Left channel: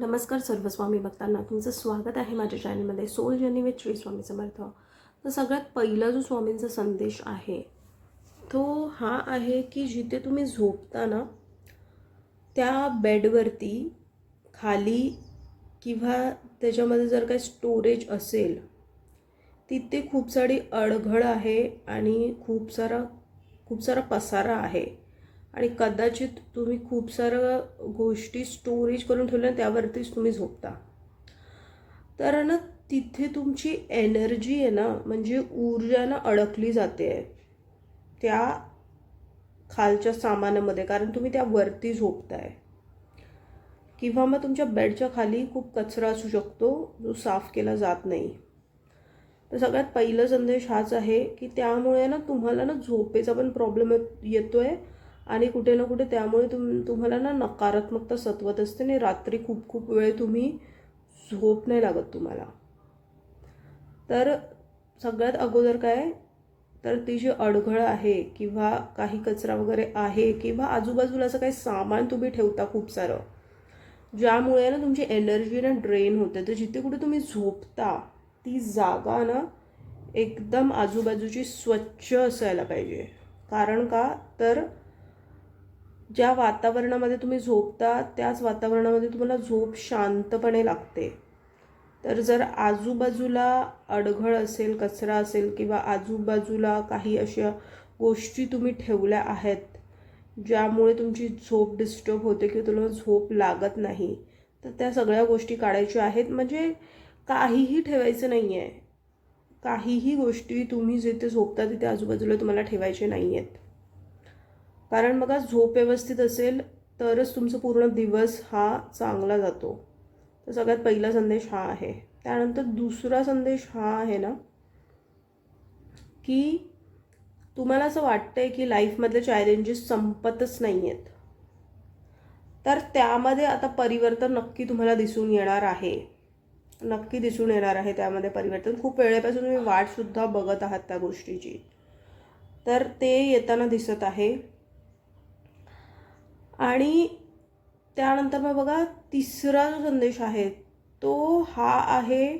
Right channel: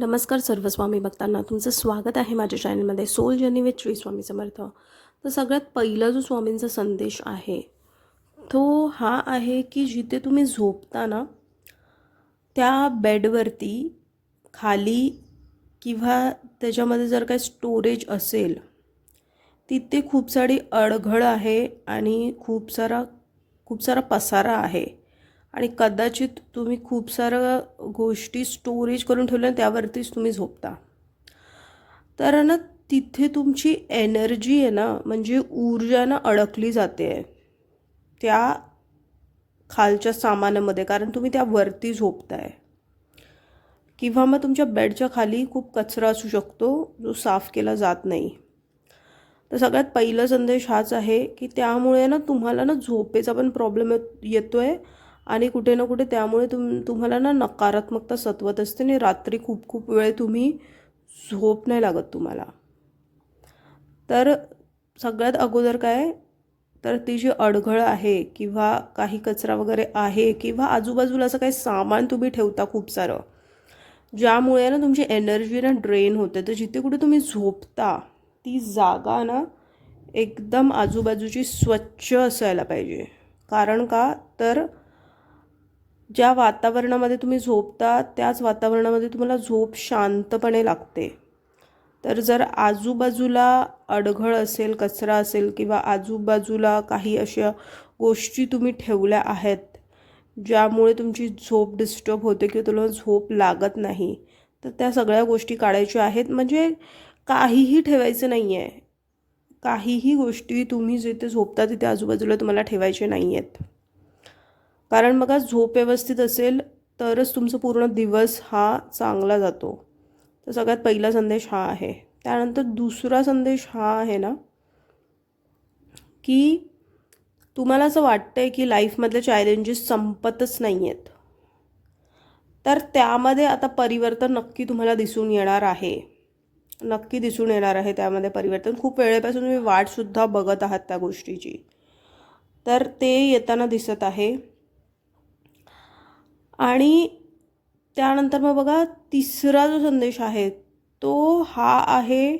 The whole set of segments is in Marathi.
नमस्कार सर्व स्वामी भक्तांना, तुमचं स्वागत आहे माझ्या चॅनलमध्ये soul journey with Shri Swami Samarth. तर सगळ्यात पहिला जो स्वामींचा संदेश आहे तो हा आहे की जिथे तुम्ही झोपता ना त्या बेडवरती खाली किंवा त्याच्यामध्ये जर काही स्टोरेज असेल तिथे खूप सारी अडगळ आहे आणि खूप सारा पसारा आहे आणि कदाचित तुम्ही खूप साऱ्या गोष्टी स्टोरेज करून ठेवल्या त्यावरतीच तुम्ही झोपता. तर ना तिथे तुमची एनर्जी आहे ना, म्हणजे ऊर्जा ना अडकली जाते त्या खालच्या सामानामध्ये, कारण तुम्ही त्यावरती झोपताय. किंवा मग तुमच्या बेडच्या खाली खूप कचरा असू शकतो जो साफ केला जात नाही. तर सगळ्यात पहिला संदेश हाच आहे की त्यामुळे ना तुम्हाला ना झोपेचा पण प्रॉब्लेम येतोय आणि कुठे ना कुठे त्यामुळे तुम्हाला ना नकारात्मकता सतवत असते आणि रात्री खूप खूप वेळ तुम्ही झोप नाही लागत तुम्हाला. तर सगळ्यात अगोदर काय, तर ती जी अडगळ आहे किंवा काही कचरा वगैरे आहे किंवा आजूबाजूला असं काही सामान तुम्ही ठेवता खूप सारं, ज्यामुळे ना तुमची एनर्जी ना ड्रेन होते. तर जिथे कुठे तुम्ही झोपता ती जागा ना एकदम आजूबाजूची स्वच्छ असायला पाहिजे. कारण का, तर ज्या वातावरणामध्ये तुम्ही झोपता त्याच वातावरणामध्ये तुम्हाला झोप शांतपणे लागते. तर जर आजूबाजूला अडगळ असेल, कचरा असेल किंवा आजूबाजूला काही अशा गोष्टी तुम्ही ठेवल्या आहेत ज्यामुळे तुमची झोप डिस्टर्ब होते किंवा तुला झोप लागत नाही, तर त्या सगळ्या गोष्टी काढायच्या आहेत. म्हणजे काहीही ठेवायचं नाही आहे. काहीही गोष्टी तुम्ही जिथे झोपता तिथे आजूबाजूला तुम्हाला ठेवायचे नाही आहेत. कारण बघा, झोप व्यवस्थित असेल तरच तुमचा पूर्ण दिवस हा चांगला जातो. तर सगळ्यात पहिला संदेश हा आहे. त्यानंतर दुसरा संदेश हा आहे ना की तुम्हाला असं वाटतंय की लाईफमधले चॅलेंजेस संपतच नाही आहेत, तर त्यामध्ये आता परिवर्तन नक्की तुम्हाला दिसून येणार आहे. नक्की दिसून येणार आहे त्यामध्ये परिवर्तन. खूप वेळेपासून तुम्ही वाटसुद्धा बघत आहात त्या गोष्टीची, तर ते येताना दिसत आहे. आणि त्यानंतर मग बघा, तिसरा जो संदेश आहे तो हा आहे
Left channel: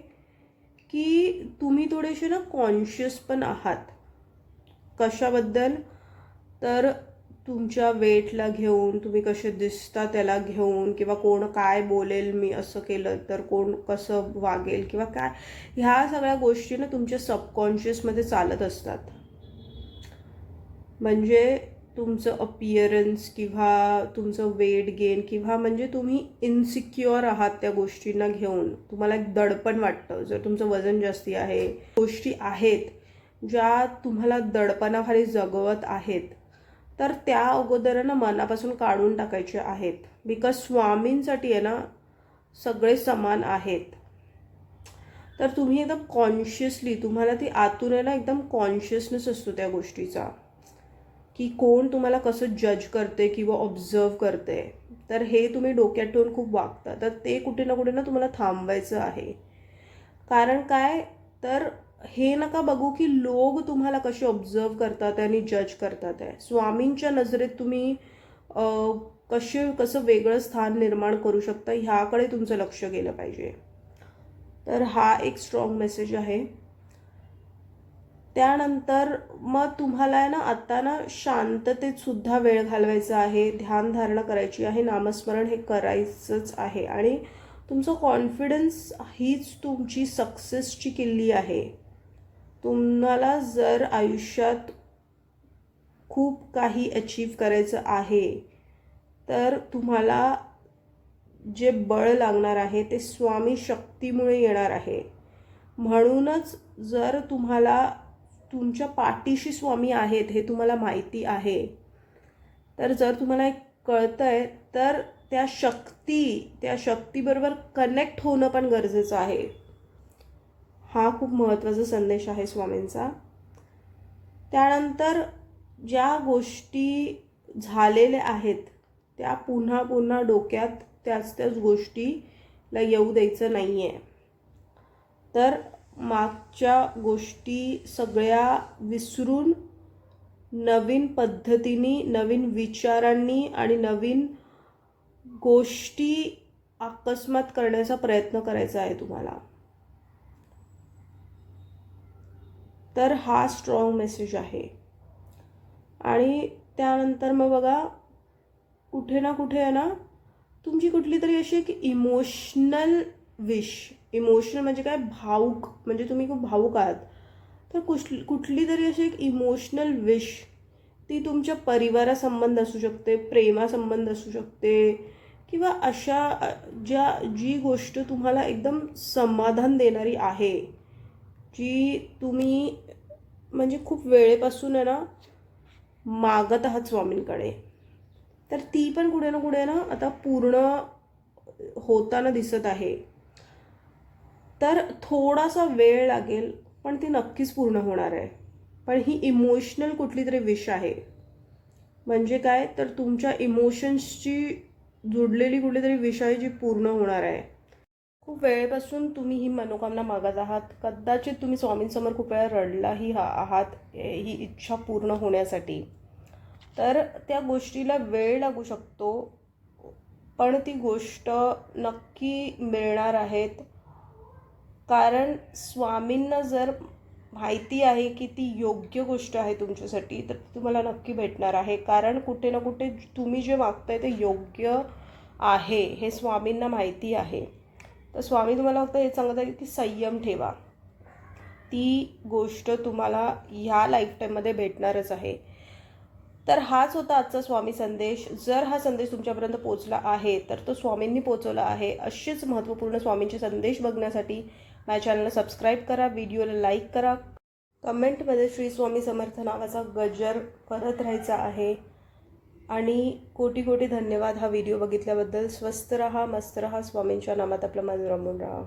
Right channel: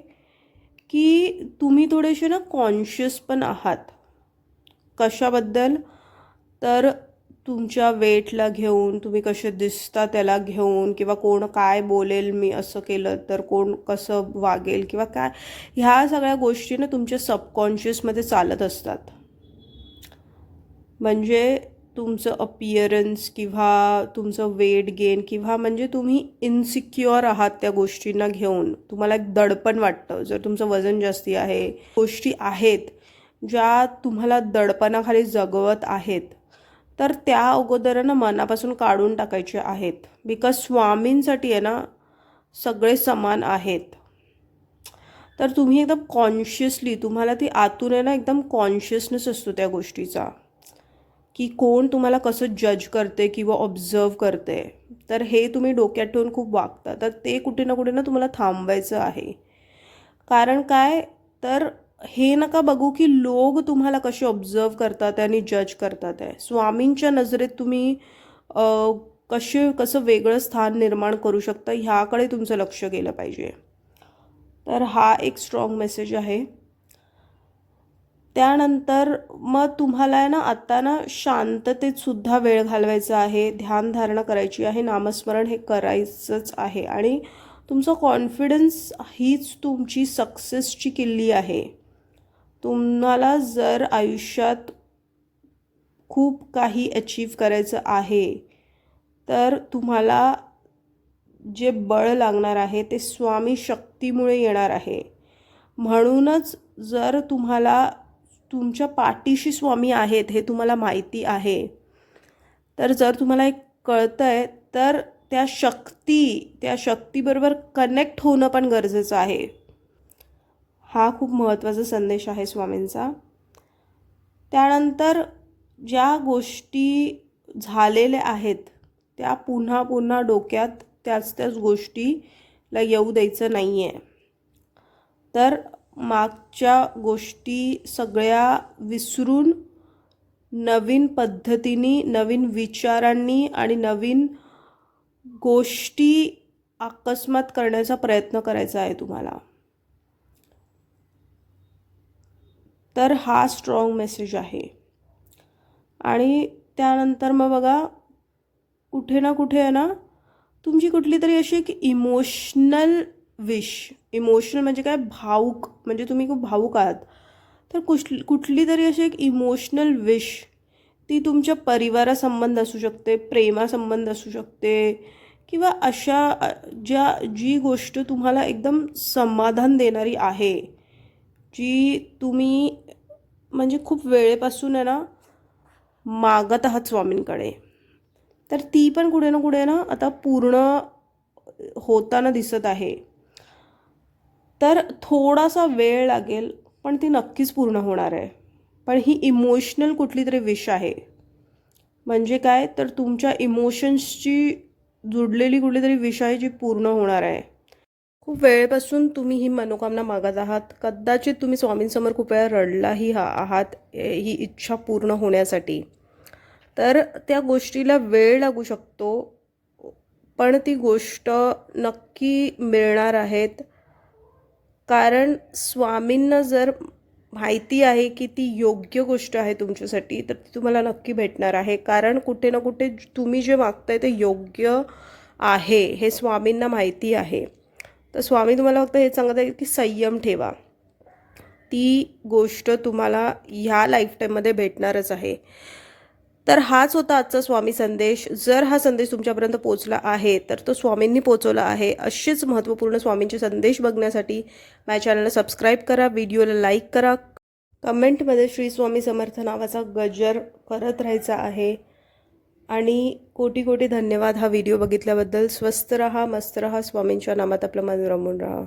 की तुम्ही थोडेसे ना कॉन्शियस पण आहात. कशाबद्दल, तर तुमच्या वेटला घेऊन, तुम्ही कसे दिसता त्याला घेऊन, किंवा कोण काय बोलेल मी असं केलं तर, कोण कसं वागेल किंवा काय, ह्या सगळ्या गोष्टी ना तुमच्या सबकॉन्शियसमध्ये चालत असतात. म्हणजे तुमचं अपिअरन्स किंवा तुमचं वेट गेन किंवा म्हणजे तुम्ही इनसिक्युअर आहात त्या गोष्टींना घेऊन, तुम्हाला एक दडपण वाटतं. जर तुमचं वजन जास्ती आहे, गोष्टी आहेत ज्या तुम्हाला दडपणाखाली जगवत आहेत, तर त्या अगोदरनं मनापासून काढून टाकायचे आहेत. बिकॉज स्वामींसाठी आहे ना सगळे समान आहेत. तर तुम्ही एकदम कॉन्शियसली, तुम्हाला ती आतून आहे ना एकदम कॉन्शियसनेस असतो त्या गोष्टीचा की कोण तुम्हाला कसं जज करते किंवा ऑब्झर्व करते. तर हे तुम्ही डोक्यात ठेवून खूप वागता. तर ते कुठे ना कुठे ना तुम्हाला थांबवायचं आहे. कारण काय, तर हे नका बघू की लोक तुम्हाला कसे ऑब्झर्व करतात आणि जज करतात आहे. स्वामींच्या नजरेत तुम्ही कसं वेगळं स्थान निर्माण करू शकता ह्याकडे तुमचं लक्ष गेलं पाहिजे. तर हा एक स्ट्रॉंग मेसेज आहे. त्यानंतर मग तुम्हाला आहे ना आता ना शांततेत सुद्धा वेळ घालवायचा आहे, ध्यानधारणा करायची आहे, नामस्मरण हे करायचंच आहे. आणि तुमचं कॉन्फिडन्स हीच तुमची सक्सेसची किल्ली आहे. तुम्हाला जर आयुष्यात खूप काही अचीव करायचं आहे तर तुम्हाला जे बळ लागणार आहे ते स्वामी शक्तीमुळे येणार आहे. म्हणूनच जर तुम्हाला तुमच्या पाठीशी स्वामी आहेत हे तुम्हाला माहिती आहे, तर जर तुम्हाला एक कळतंय, तर त्या शक्तीबरोबर कनेक्ट होणं पण गरजेचं आहे. हा खूप महत्त्वाचा संदेश आहे स्वामींचा. त्यानंतर ज्या गोष्टी झालेल्या आहेत त्या पुन्हा पुन्हा डोक्यात त्याच गोष्टीला येऊ द्यायचं नाही आहे. तर मागच्या गोष्टी सगळ्या विसरून नवीन पद्धतीने, नवीन विचारांनी आणि नवीन गोष्टी अकस्मात करण्याचा प्रयत्न करायचा आहे तुम्हाला. तर हा स्ट्रॉंग मेसेज आहे. आणि त्यानंतर मग बघा, कुठे ना कुठे आहे ना, तुमची कुठली तरी अशी एक इमोशनल विश, इमोशनल म्हणजे काय, भावूक, म्हणजे तुम्ही खूप भावूक आहात, तर कुठली तरी अशी एक इमोशनल विश, ती तुमच्या परिवारासंबंध असू शकते, प्रेमासंबंध असू शकते, किंवा अशा जी गोष्ट तुम्हाला एकदम समाधान देणारी आहे, जी तुम्ही म्हणजे खूप वेळेपासून आहे ना मागत आहात स्वामींकडे, तर ती पण कुठे ना कुठे ना आता पूर्ण होताना दिसत आहे. तर थोडासा वेळ लागेल, पण ती नक्कीच पूर्ण होणार आहे. पण ही इमोशनल कुठली तरी विश आहे. म्हणजे काय, तर तुमच्या इमोशन्सची जुडलेली कुठली तरी विश आहे, जी पूर्ण होणार आहे. खूप वेळेपासून तुम्ही ही मनोकामना मागत आहात. कदाचित तुम्ही स्वामींसमोर खूप वेळा रडलाही आहात ही इच्छा पूर्ण होण्यासाठी. तर त्या गोष्टीला वेळ लागू शकतो, पण ती गोष्ट नक्की मिळणार आहेत. कारण स्वामींना जर माहिती आहे की ती योग्य गोष्ट आहे तुमच्यासाठी, तर ती तुम्हाला नक्की भेटणार आहे. कारण कुठे ना कुठे तुम्ही जे मागताय ते योग्य आहे हे स्वामींना माहिती आहे. तर स्वामी तुम्हाला फक्त हे सांगत आहेत की संयम ठेवा. ती गोष्ट तुम्हाला ह्या लाईफटाईममध्ये भेटणारच आहे. तर हाच होता आजचा स्वामी संदेश. जर हा संदेश तुमच्यापर्यंत पोहोचला आहे, तर तो स्वामींनी पोहोचवला आहे. असेच महत्त्वपूर्ण स्वामींचे संदेश बघण्यासाठी माझ्या चॅनलला सबस्क्राईब करा, व्हिडिओला लाईक करा, कमेंटमध्ये श्री स्वामी समर्थ नावाचा गजर करत राहायचा आहे. आणि कोटी कोटी धन्यवाद हा व्हिडिओ बघितल्याबद्दल. स्वस्त रहा, मस्त रहा, स्वामींच्या नामात आपलं मन रमून राहा.